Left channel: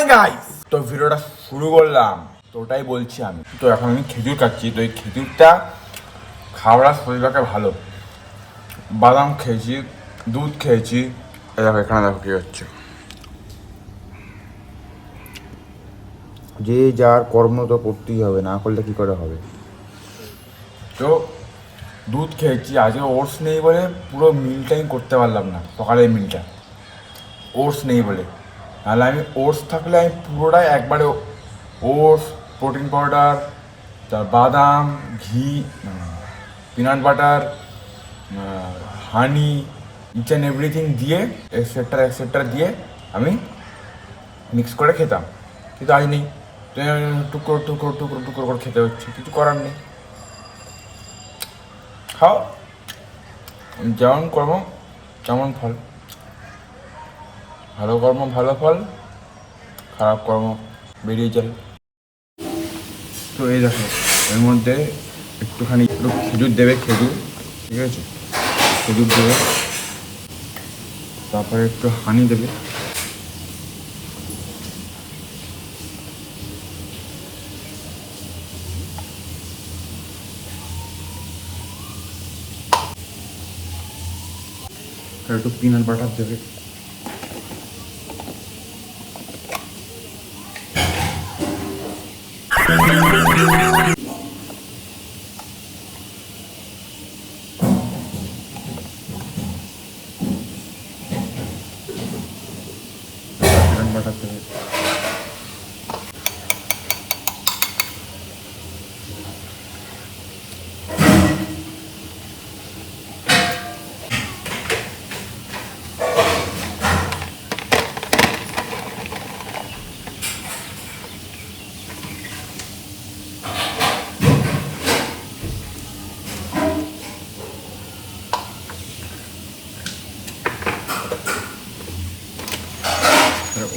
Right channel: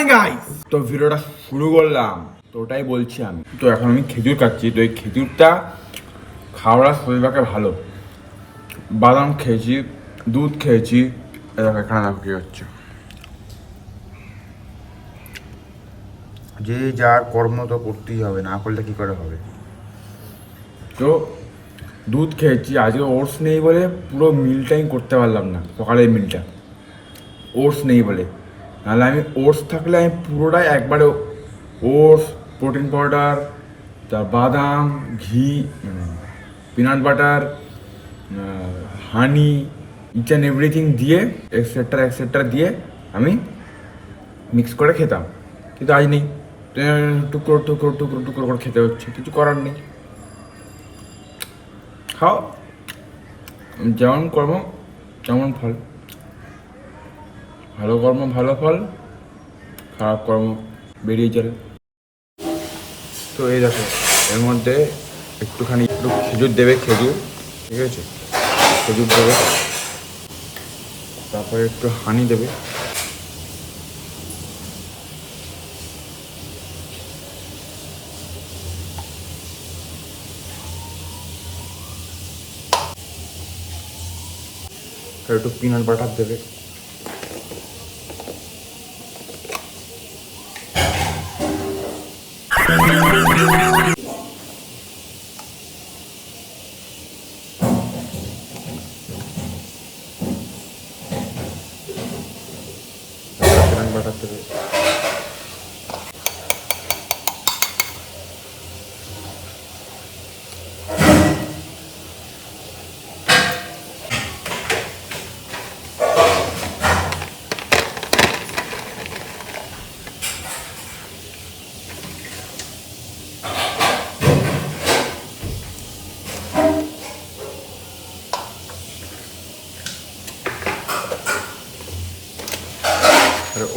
Morning guys, তো ভিডিওটা শুরু করলাম। তো ওটাই বলছি আমি। তো এখন আমি খেজুর খাচ্ছি। তো এই খেজুরটা খাওয়ার শরীরটাকে ভালো। বাদাম খেয়েছি, দুধ খেয়েছি। এই দেখো এখানে দেখো কি হচ্ছে। যে যার কর্ম তো করতেই হবে, না করলে কি করে হবে। তো দুধ খেয়েছি। আজকে ওটস নেই বলে পুরো মিলটাই করতে পারলাম না, সকালের মিলটা। ওটস নেই বলে, নাহলে আমি ওটস থাকলে আমি পুরোটাই একবারে ওটস, প্রোটিন পাউডার, তার বাদাম, ঘি, peanut butter, honey, each and everything দিয়ে এক্সেট্রা দিয়ে আমি মিক্স করে খেতাম। কিন্তু আজ নেই, টুকরো টুকরো টুকরো টুকরো করে খেতে হচ্ছে, কিছু করার নেই। খাও, যেমন কর্ম তেমন ফল। ভালো কর্ম ভালো ফল, খারাপ কর্ম বেরিয়ে যাবে। তো এই দেখো, এর মধ্যে একটু খেজুর দেবে, খেজুর, ঠিক আছে, খেজুর দেবে, তারপরে একটু হানি দেবে, আর একটু পিনাট বাটার দেবে। পিনাট বাটার দেবে।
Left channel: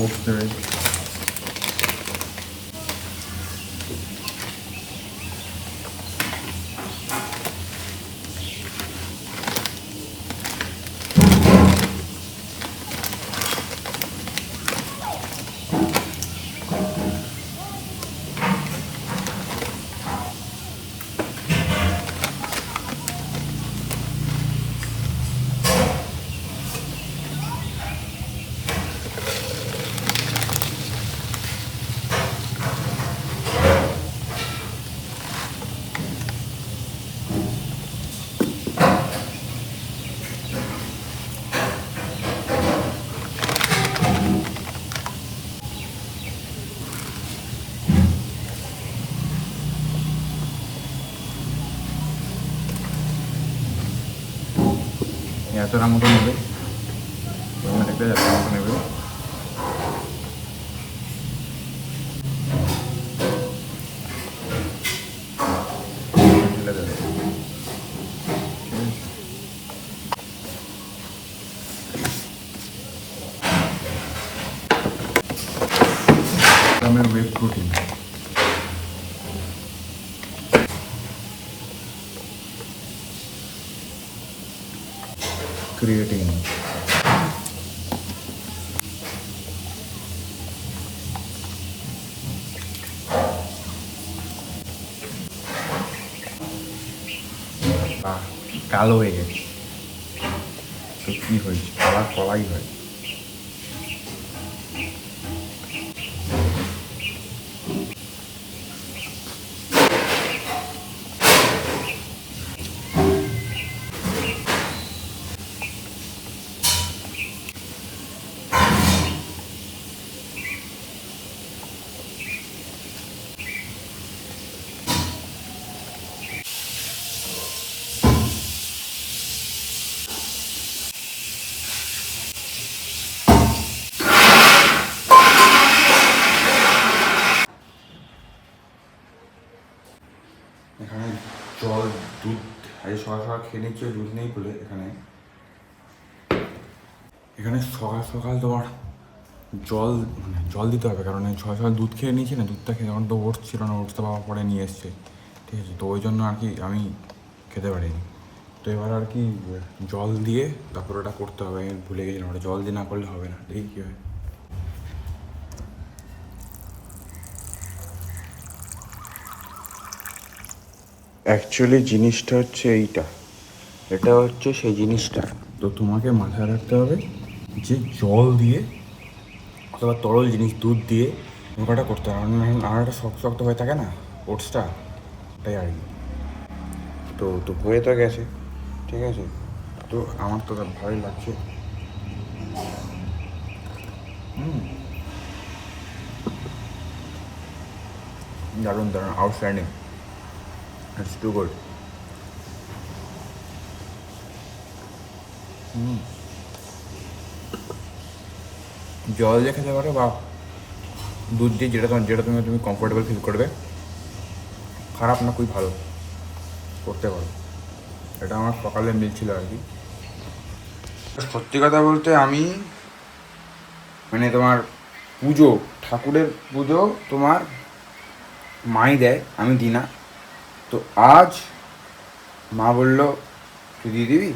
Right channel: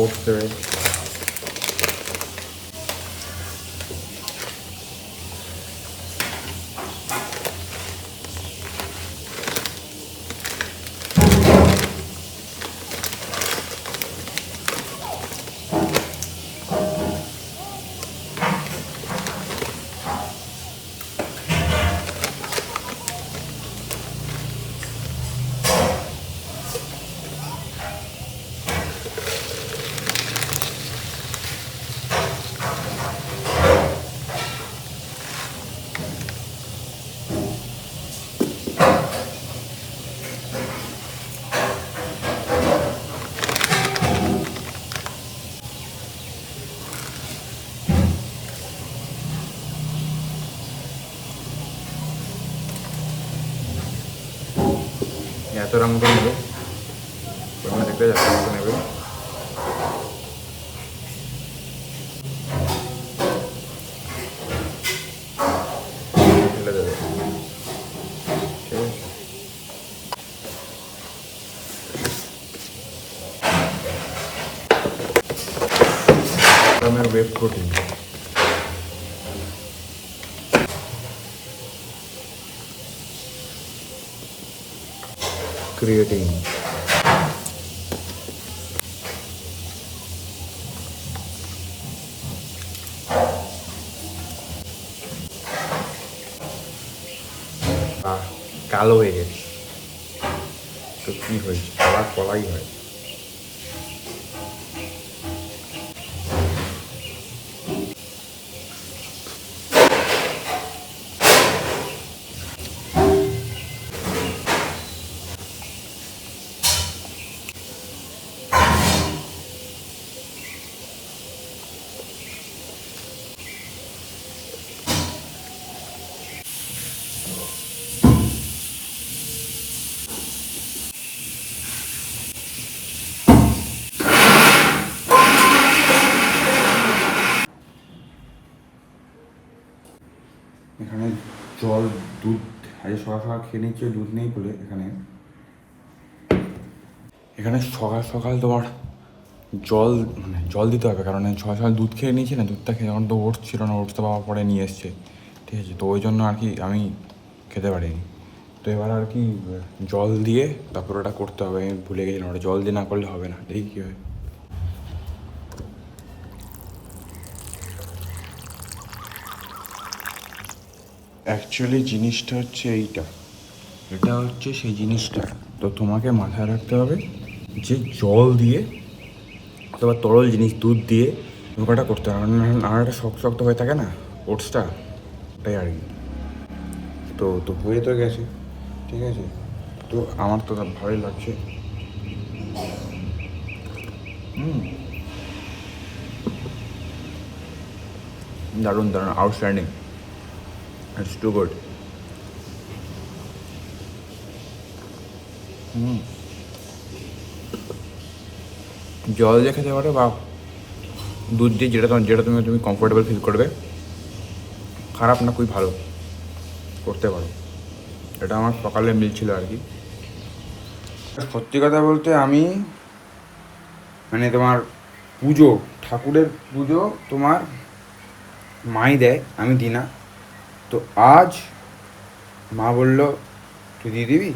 ওটস দেবে। এতটা মতো নেবে, দেখতে যাচ্ছে মতো নেবে। ঢেলে দেবে, ঠিক আছে। আমার ওয়েব প্রোটিন, ক্রিয়েটিন, কালো হয়ে গেছে। তো কি হয়েছে, আবার কলাই হয়। এখানে জল, দুধ, আজ সকাল সকাল খেয়ে নিচ্ছে, দুধ নেই বলে এখানে সকাল সকাল তোমার জল দিতে হবে। কারণ সকাল সকাল দুধ খেয়ে নিয়েছি না, দুধটা খেয়ে যখন তো ওটস ছিল না, ওটসটা বাবা পরে নিয়ে এসছে, ঠিক আছে। তো ওই জন্য আর কি আমি খেতে পারিনি। তো এবার আর কি জল দিয়ে তারপর ওটা করতে হবে। আমি ভুলে গেছিলাম, ওটা জল দিয়ে না করলে হবে না। দেখি কী হয়। অ্যাকচুয়ালি জিনিসটা হচ্ছে এইটা, এটা হচ্ছে সেই জিনিসটা। তো তোমাকে মাথায় রাখতে হবে যে জল দিয়ে অথবা তরল জিনিস দুধ দিয়ে নৌকাটা করতে হবে, আর একটা শক্ত শক্ত হয়ে থাকে না ওটসটা, তাই আর কি। তো তো হয়ে তো গেছে, ঠিক আছে। তো আমার তো ভালোই লাগছে। দারুণ দারুণ, আউটস্ট্যান্ডিং, ইটস টু গুড। জল দিয়ে খেতে পারো বা দুধ দিয়ে, যেটা তুমি তুমি কমফোর্টেবল ফিল করবে। খারাপ না, খুবই ভালো, করতে পারো। এটা আমার সকালে মিল ছিল আর কি। সত্যি কথা বলতে আমি মানে তোমার পুজো, ঠাকুরের পুজো তোমার মাই দেয়, আমি দিই না। তো আজ মা বলল তুই দিয়ে দিবি,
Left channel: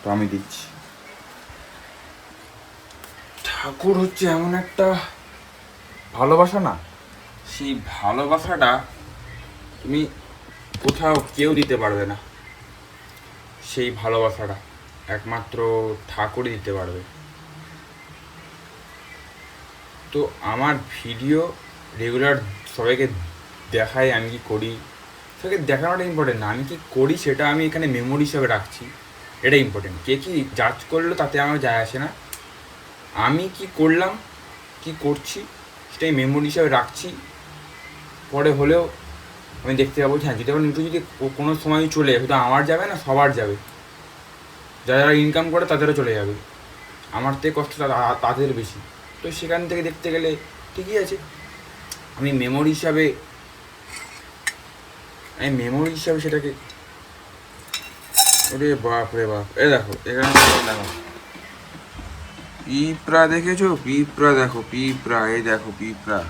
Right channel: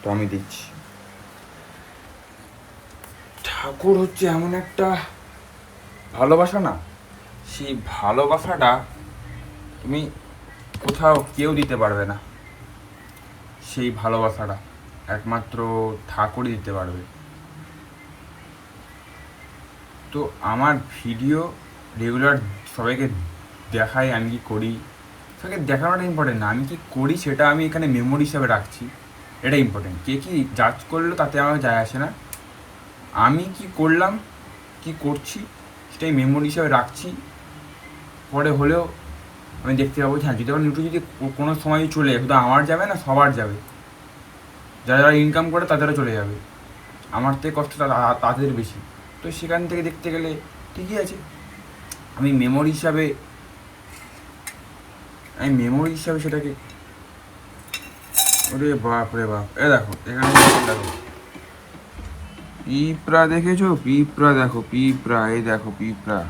তো আমি দিচ্ছি। ঠাকুর হচ্ছে এমন একটা ভালোবাসা না, সেই ভালোবাসাটা তুমি কোথাও কেউ দিতে পারবে না। সেই ভালোবাসাটা একমাত্র ঠাকুরই দিতে পারবে। তো আমার ভিডিও রেগুলার সবাইকে দেখাই, আমি কি করি, সবাইকে দেখানোটা ইম্পর্টেন্ট না, আমি কি করি সেটা আমি এখানে মেমোরি হিসাবে রাখছি, এটা ইম্পর্টেন্ট। কে কি জাজ করলো তাতে আমার যায় আসে না, আমি কি করলাম কি করছি সেটাই মেমোরি হিসাবে রাখছি। পরে হলেও আমি দেখতে পাবো, হ্যাঁ যদি আবার নিউটু যদি কোনো সময় চলে যাবে, শুধু আমার যাবে না, সবার যাবে, যারা যারা ইনকাম করে তাদেরও চলে যাবে, আমার থেকে কষ্ট তাদের বেশি। তো সেখান থেকে দেখতে গেলে ঠিকই আছে, আমি মেমোরি হিসাবে সেটাকে। ওরে বাপ রে বাপ, এ দেখো এখানে দেখো পিঁপড়া, দেখেছো পিঁপড়া, দেখো পিঁপড়া, এই দেখো পিঁপড়া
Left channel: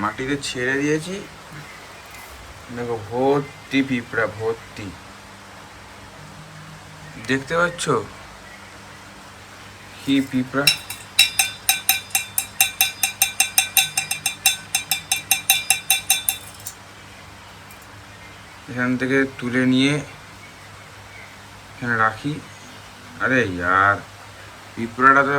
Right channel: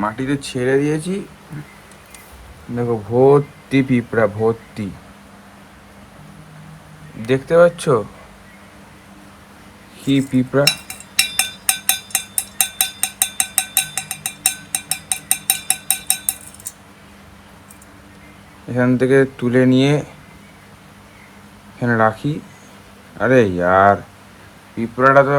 মাটিতে ছেড়ে দিয়েছি, দেখো ভর্তি পিঁপড়া, ভর্তি, দেখতে পাচ্ছ কি পিঁপড়া। এখান থেকে তুলে নিয়ে এখানে রাখি। আরে ইয়ার, পিঁপড়াটা তো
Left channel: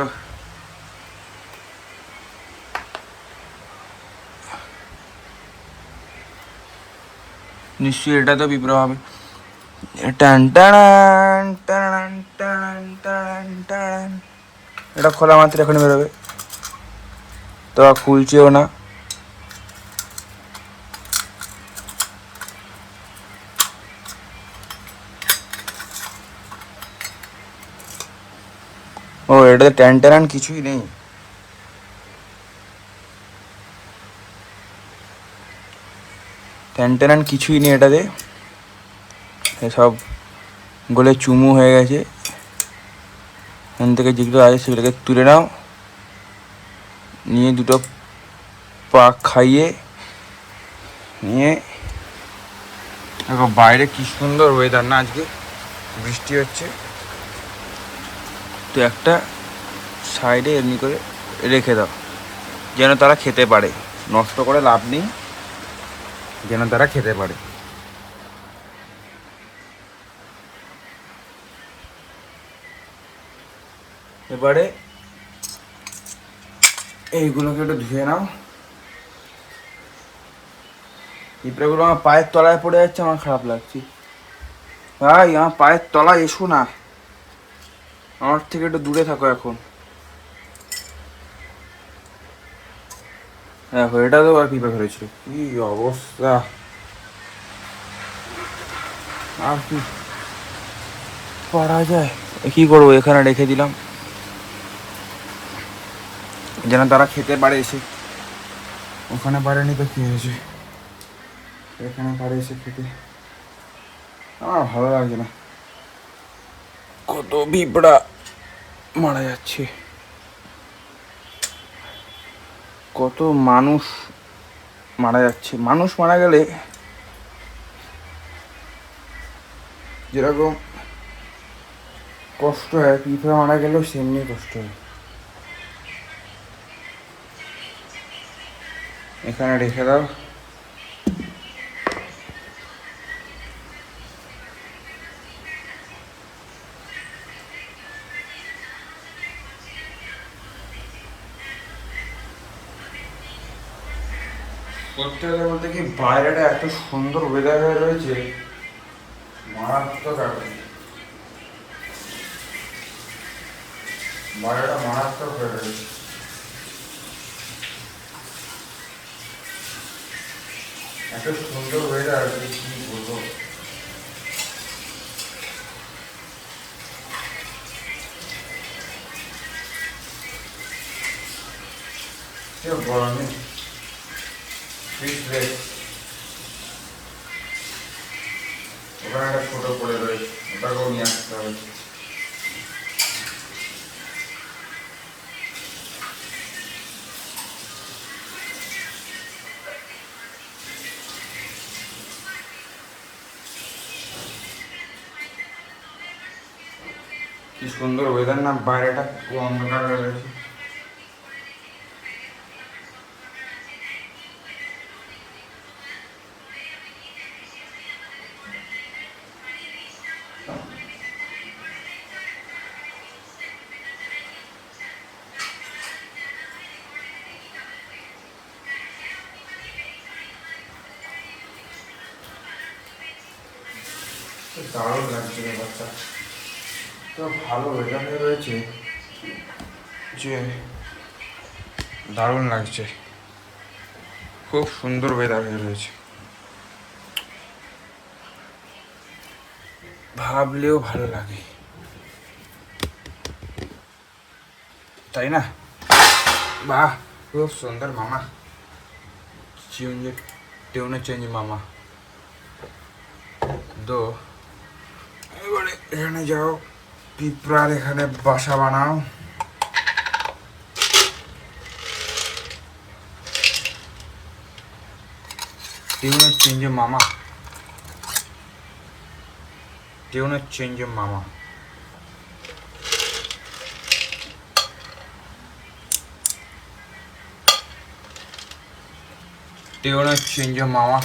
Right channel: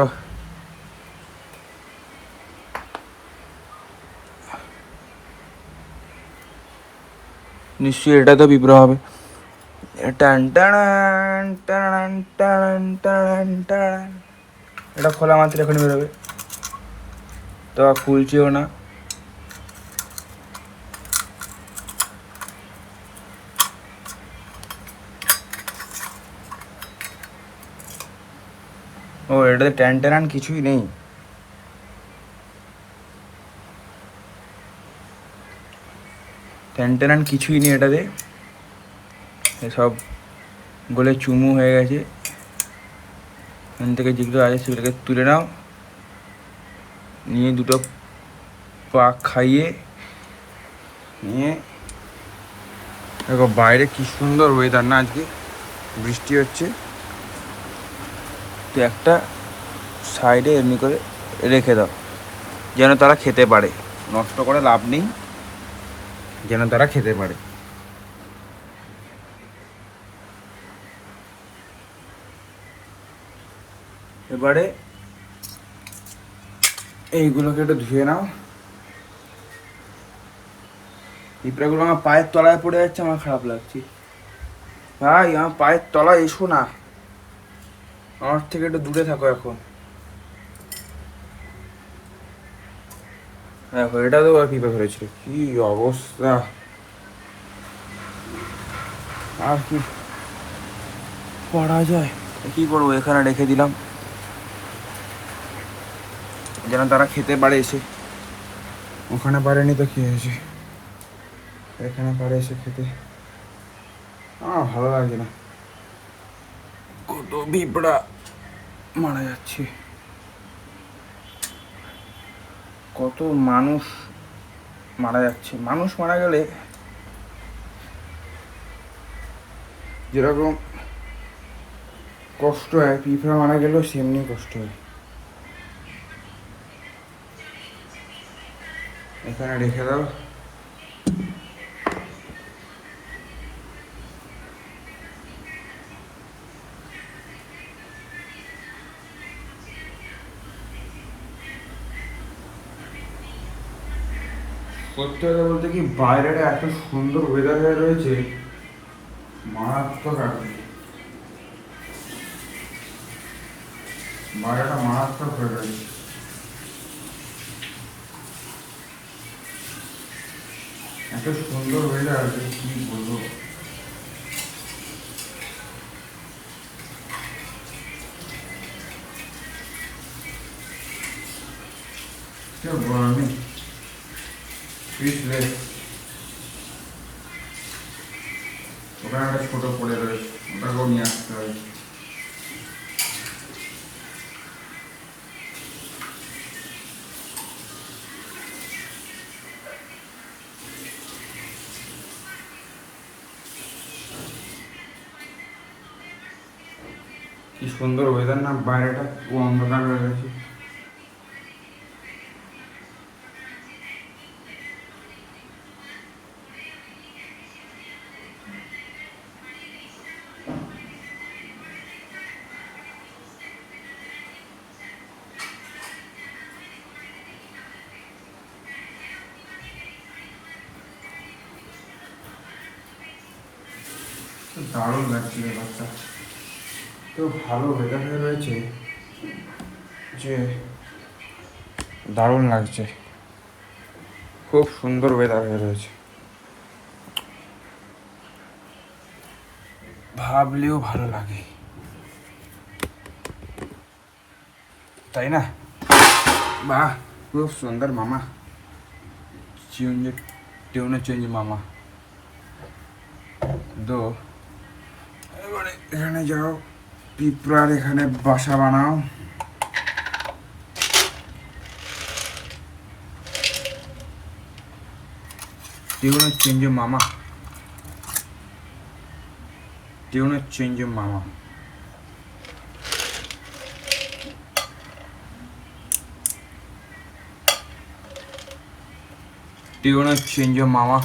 নিশ্চয়ই, এটা তো পিঁপড়া হবে। টান টান টান টান টান টান, এটা খোলা মাত্র এখনই বেরোবে, তো খুলছেও না। ও এটাতে ট্যান ট্যান কিছুই নেই, ট্যান ট্যান কিছুই নেই এটাতে, সব গলে চুমু হয়ে গেছে। এখান থেকে যেগুলো আছে সেগুলোকে তুলে নাও, নিয়ে দুটো পাক খাইয়ে নিয়ে। দেখো বাইরে কি সুন্দর ওয়েদার না, আজকে বৃষ্টি হচ্ছে। তো একটা সাইডে এমনি করে রেখে দাও, যেন তারা খেতে পারে, নষ্ট করে লাভ নেই, যেন তারা খেতে পারে। এবারে এইগুলোকে একটু ধুয়ে নাও। পিঁপড়াগুলো আমার পায়ের তলায় পড়ে যাচ্ছে, আমার খারাপ লাগছে। ভাই আমার পায়ের তলায় এসো না, আমার থেকে একটু দূরে থাকো এখন। দেখো এটা তো আর পিঁপড়া ফেলেছিল, কি অবস্থা। আর কি করা যায়, কি করবো, এখানে রেখে দিলাম যেন তারা খেতে পারে এসে। ওখানে পারেনি তো কি হয়েছে, এখানে পারে এসে খেতে। আমার ভালো লাগছে না, কত পিঁপড়া মারা যাচ্ছে, কত মানুষ মারা যাচ্ছে। মানুষ মারা গেলে যেরকম কষ্ট হয়, পিঁপড়া মারা গেলেও সেমনি কষ্ট হয়। এখানে রেখে দাও, করতে হলে বলতে কি বাইরেটা এত সুন্দর ওয়েদার হয়ে রয়েছে, মারাত্মক আছে, বাইরেটা মারাত্মক হয়ে রয়েছে। এত সুন্দর ওয়েদার আছে কি বলবো। গরমে ওখানে একটা ছোট পড়ে রয়েছে, ওটাকেও নিয়ে আসতে হবে। কি সুন্দর ওয়েদার না, বাইরেটা পুরো অন্ধকার হয়ে গেছে। দারুণ লাগছে ব্যাপারটা, তো ভালো ওয়েদার হয়ে রয়েছে যে দারুণ লাগছে, খুব সুন্দর ওয়েদার হয়ে রয়েছে, ভাবলেও ভালো লাগে, তাই না? বাহ, খুব সুন্দর মামা, চেঞ্জ টেউনো চেঞ্জ মামা। তো এবারে এখানে যাও, পিঁপড়ার এখানে বাসা বানাও। টেউনো চেঞ্জ মামা, টেউনো চেঞ্জ মামা। টেউনো চেঞ্জ মামা।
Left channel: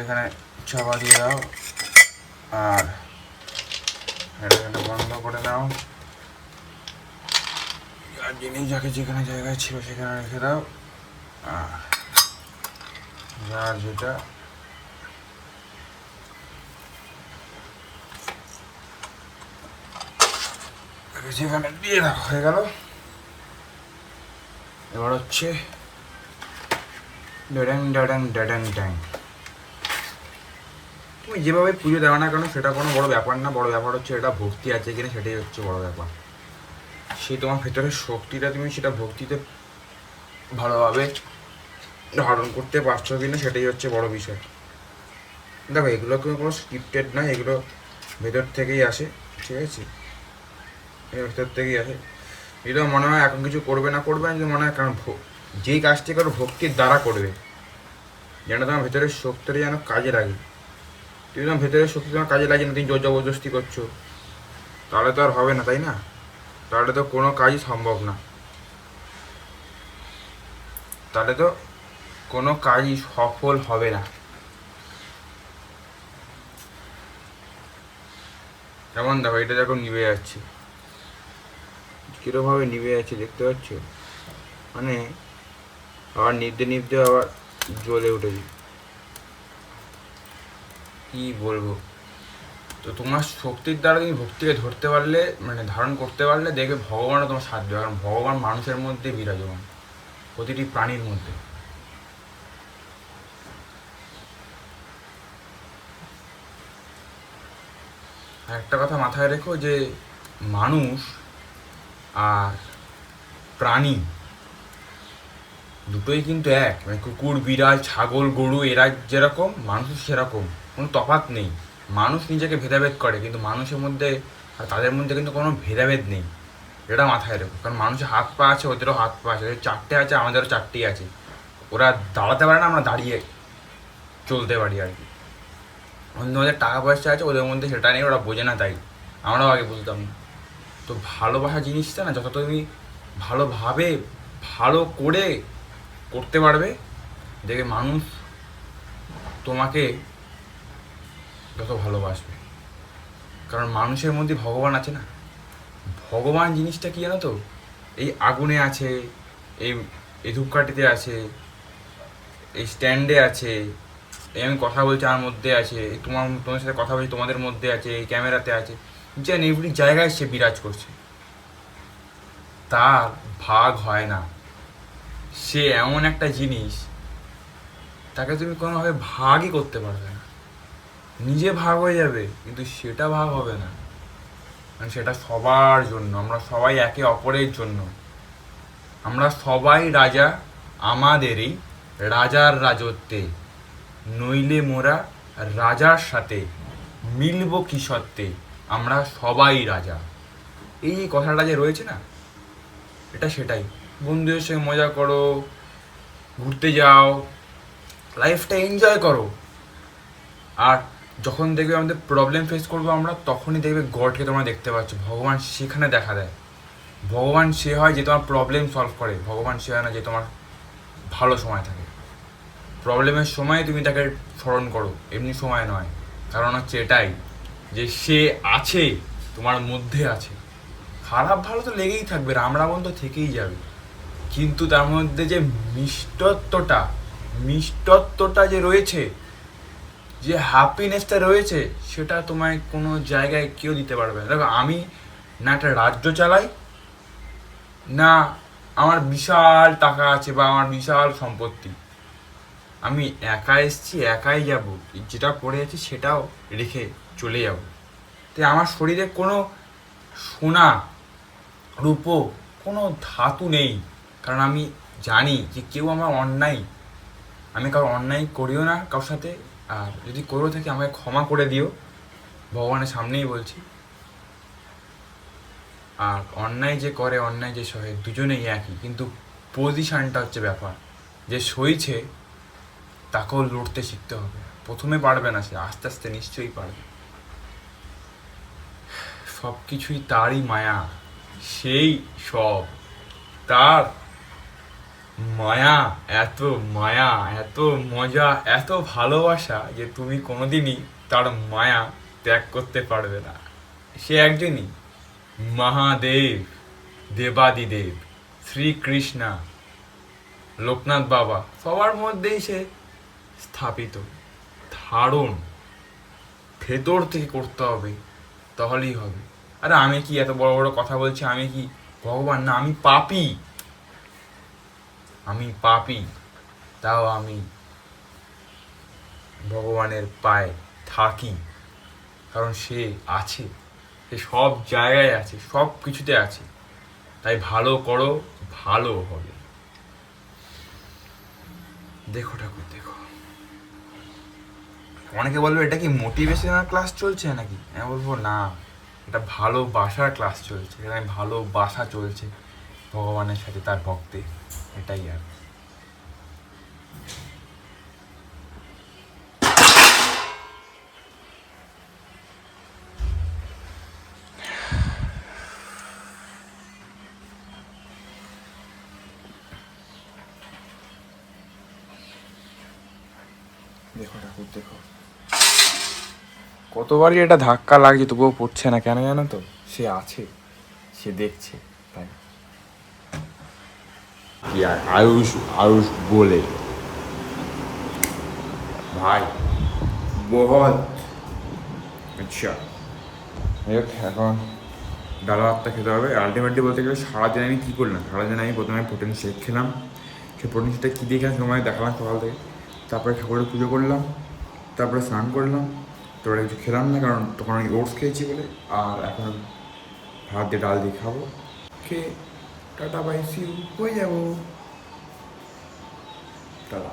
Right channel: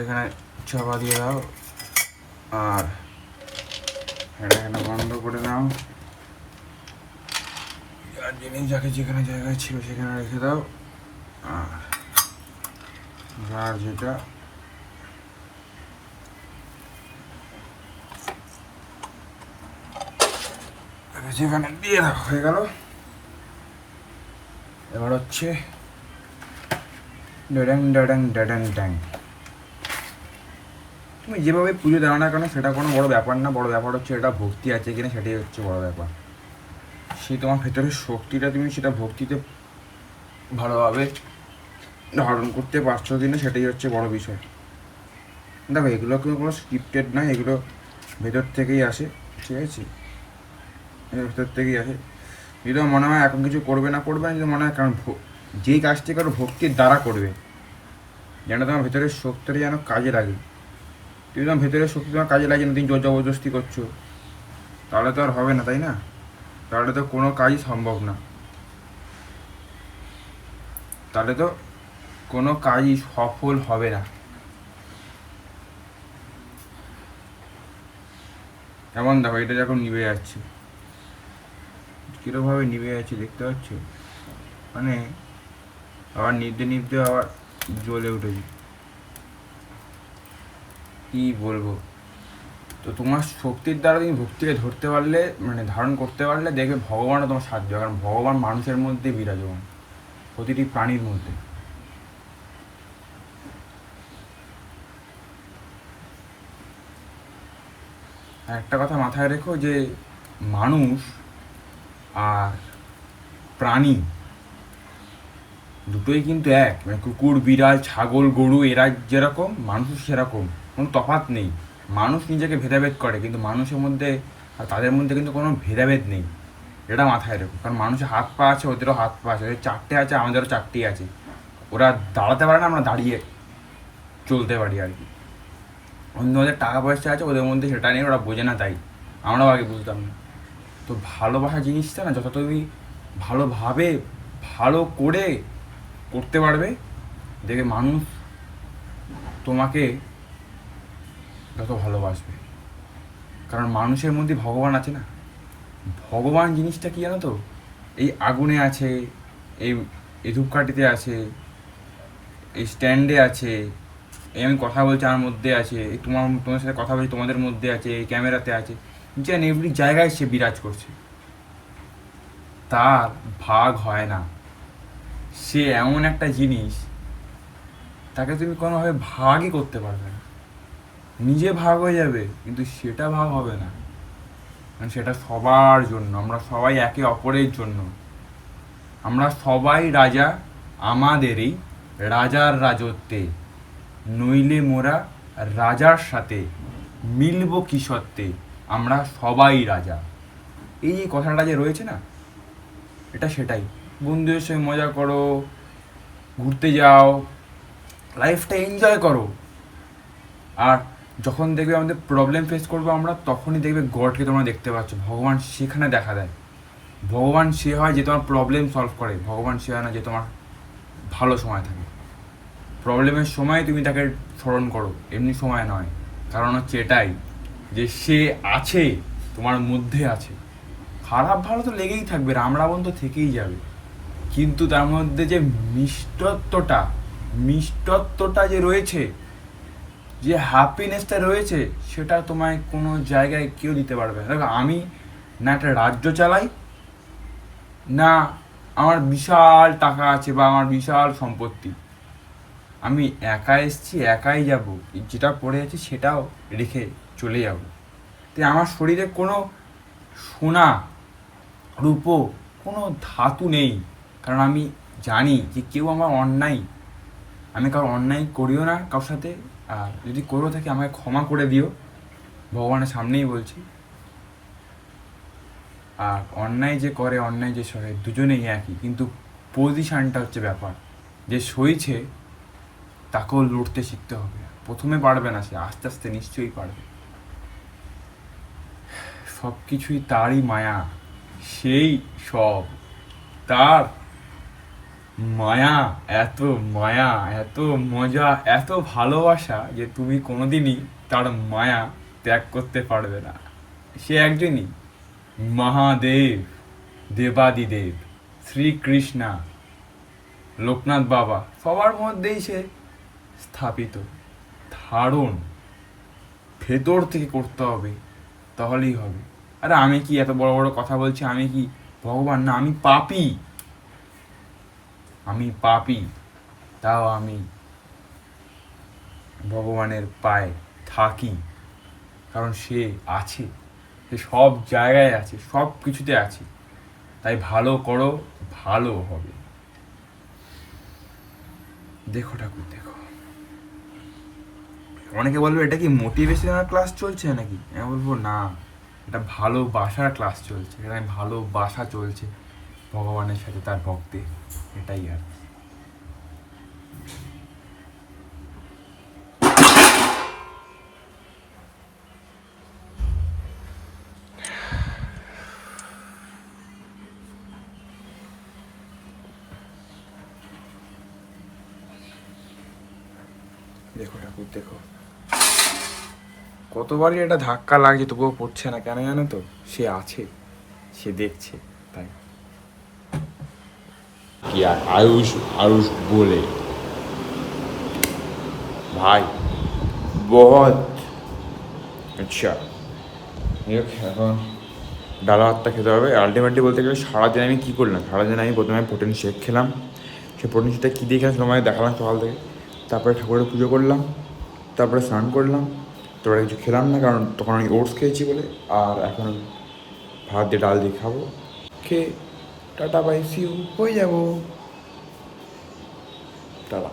এখানে চাপা দিয়ে দাও আর এটা এখানে বন্ধ করে নাও, আর জিনিস যাকে যেখানে জায়গায় ছিল সেখানে রেখে দাও, আর যার যেটা যেখানে দিয়ে রাখা হয়ে গেল। এবার হচ্ছে ড্যাডাং ড্যাডাং ড্যাডাং ড্যাং। তুমি যেভাবে পুজো দেওয়া না কেন সেটা কোনো বড় ব্যাপার না, বড় ব্যাপার হচ্ছে এটা ভক্তি আছে কিনা, সেটাই হচ্ছে বড় ব্যাপার। সেই তোমার ভেতরের শক্তিটা তুমি সেটা ভক্তিতে ভালোভাবে ধারণ করতে পারছো কিনা, সেটাই হচ্ছে বড় বিষয়। দেখো এগুলো কোনো স্ক্রিপ্টেড না, এগুলো ভেতর থেকেই আসে, ঠিক আছে? এগুলো ভেতর থেকেই আসে। যদি মনে হয় এখন কিছু করবে না, করবে না, যদি মনে হয় কারণ যেই কাজটি করো ভক্তির দ্বারা করবে, যেন তোমার ভেতরের শক্তিটা যেন কাজে লাগে। তুমি তোমার ভেতরের শক্তি তোমার কাজে লাগে না, তুমি জোর জবরদস্তি করছো, তাহলে তো আর হবে না, তাই না? তাহলে তো কোনো কাজই সম্ভব না, তাহলে তো কোনো কাজই সফল হবে না। এমন দেখো এটা যখন নিভে যাচ্ছে, কীরকমভাবে নিভে যাচ্ছে দেখতে পাচ্ছ, মানে আবার নিভতে নিভতে আবার জ্বলে উঠেছে, কী বলবো। তো তোমার শক্তির দ্বারা তুমি ভক্তিকে ধরতে পারলে, মানে ধারণ করতে পারলে, দেখবে ভগবানও তোমার সাহায্য হবে, কারণ ভগবান মানুষের মধ্যে বিরাজমান, প্রতিটি প্রাণীর মধ্যে। আর একটা কথা মাথায় রেখো যে মানুষ আর প্রাণী দুটোই কিন্তু এক, মানে কুকুর, বিড়াল, ছাগল, গরু এরা যেরকম মানুষ সেরকম, কোনো তফাৎ নেই। মানুষ নিজেকে ভেদাভেদ করে, কিন্তু মানুষের মধ্যে আর তাদের মধ্যে কিন্তু কোনো ভেদাভেদ নেই, এটা মাথায় রেখো। কারণ মানুষের হাত পা আছে, ওদেরও হাত পা আছে, ওদের চারটে আছে, আমাদেরও চারটেই আছে। ওরা দাঁড়াতে পারে না, আমরা দাঁড়িয়ে চলতে পারি আর কি। ওদের টাকা পয়সা আছে, ওদের মধ্যে সেটা নেই, ওরা বোঝে না, তাই আমরাও আগে বুঝতাম না। তো ভালোবাসা জিনিসটা না, যত তুমি ভালোভাবে ভালো করে করতে পারবে, দেখে মানুষ তোমাকে যত ভালোবাসবে, কারণ মানুষের মধ্যে ভগবান আছে না, ভগবান জিনিসটা কি জানো তো, এই আগুনে আছে, এই এই ধূপকাঠিতে আছে, এই স্ট্যান্ডে আছে, এই আমি কথা বলছি আমার মধ্যে আছে, এই তোমার সাথে কথা বলছি তোমাদের মধ্যে আছে, এই ক্যামেরাতে আছে, যেন এভরি জায়গায় সে বিরাজ করছে। তার ভাগ হয় না। সে এমন একটা জিনিস, তাকে তুমি কোনোভাবে ভাগই করতে পারবে না। নিজে ভাগ হয়ে যাবে কিন্তু সেটা ভাগ হবে না। মানে সেটা সবার জন্য, আমরা সবাই একে অপরের জন্য। আমরা সবাই রাজা আমাদেরই রাজার রাজত্বে, নইলে মোরা রাজার সাথে মিলব কি সত্ত্বে, আমরা সবাই রাজা। এই যে কথাটা যে রয়েছে না, এটা সেটাই। বন্ধুদের সঙ্গে মজা করো, ঘুরতে যাও, লাইফটা এনজয় করো। আর যখন দেখবে আমাদের প্রবলেম ফেস করবো আমরা, তখনই দেখবে গডকে তোমরা দেখতে পাচ্ছ। ভগবান সেখানে দেখা দেয়। ভগবান সে হয় যে তোমার প্রবলেম সলভ করে, ভগবান সে হয় না যে তোমার ভালো সময় থাকে। প্রবলেমের সময় তুমি তাকে স্মরণ করো, এমনি সময় নয়। কারণ হচ্ছে এটাই যে সে আছে, তোমার মধ্যে আছে। খারাপ ভালো তো লেগেই থাকবে, রামরাবণ তো থেকেই যাবে, কিন্তু তার মধ্যে যে মিষ্টত্বটা যে রয়েছে, যে হ্যাপিনেসটা রয়েছে, সেটা তোমায় কোনো জায়গায় কেউ দিতে পারবে না। দেখো, আমি না একটা রাজ্য চালাই, না আমার বিশাল টাকা আছে বা আমার বিশাল সম্পত্তি। আমি একা এসছি, একাই যাব, যেটা পড়ে আছি সেটাও রেখে চলে যাব। তাই আমার শরীরে কোনো সোনা রূপো কোনো ধাতু নেই, কারণ আমি জানি যে কেউ আমার অন্যায়, আমি কারো অন্যায় করিও না কারোর সাথে। আর যদি করেও থাকি আমাকে ক্ষমা করে দিও, ভগবানের সামনেই বলছি। আর অন্যায় যে করে, অন্যায় যে সহে, দুজনেই একই, কিন্তু পজিশানটা হচ্ছে ব্যাপার। যে সইছে তাকেও লড়তে শিখতে হবে। প্রথমে পারবে না সে, আস্তে আস্তে নিশ্চয়ই পারবে। সব কিছুই তারই মায়া, সেই সব তার মায়া। এত মায়া, এত মজা, এত ভালোবাসা যে তুমি কোনোদিনই তার মায়া ত্যাগ করতে পারবে না। সে একজনই মহাদেব, দেবাদিদেব, শ্রীকৃষ্ণা, লোকনাথ বাবা, সবার মধ্যেই সে স্থাপিত। ধারণ ভেতর থেকে করতে হবে, তাহলেই হবে। আরে আমি কি এত বড় বড় কথা বলছি, আমি কি ভগবান না? আমি পাপী, আমি পাপী, তাও আমি ভগবানের পায়ে থাকি। কারণ সে আছে, সে সব জায়গায় আছে, সব কিছুতে আছে। তাই ভালো করো, ভালো হবে। দেখো ঠাকুর, দেখো। অনেকে বলবে এটা কি মোটিভেশনাল ক্লাস চলছে নাকি? আমি বলবো না, এটা ভালোবাসার ক্লাস চলছে। এখানে ভালোবাসা চলছে ভগবানের সাথে তার ভক্তের, এটাই আর। দেখো ঠাকুর, দেখো। কতবারই এটা ধাক্কা লাগছে, তবুও পড়ছে না কেন জানো তো? সে আছে, সে দেখছে, তাই। কি আর আয়ুষ আয়ুষ বলে ভাই, বহুত আচ্ছা। এখন ডাল ভাতটা খেতে হবে। আলটিমেটলি বলতে গেলে সারাদিন আমি কী করলাম, সারাদিন আমি প্রথমে প্রোটিন শেক খেলাম। সেই প্রোটিন শেকটা কী দিয়ে খেলাম তোমায় দেখালাম সকাল থেকে। তারপরে ঠাকুরের পুজো করলাম, তারপরে স্নান করলাম, তারপরে কিছু খেলাম না কারণ তখন আমি ওটস খেয়েছি বলে। আর এখন ভাত দিয়ে ডাল দিয়ে খাবো, খেয়ে টাটা বাই সিউ হয়ে যাবো। টাটা।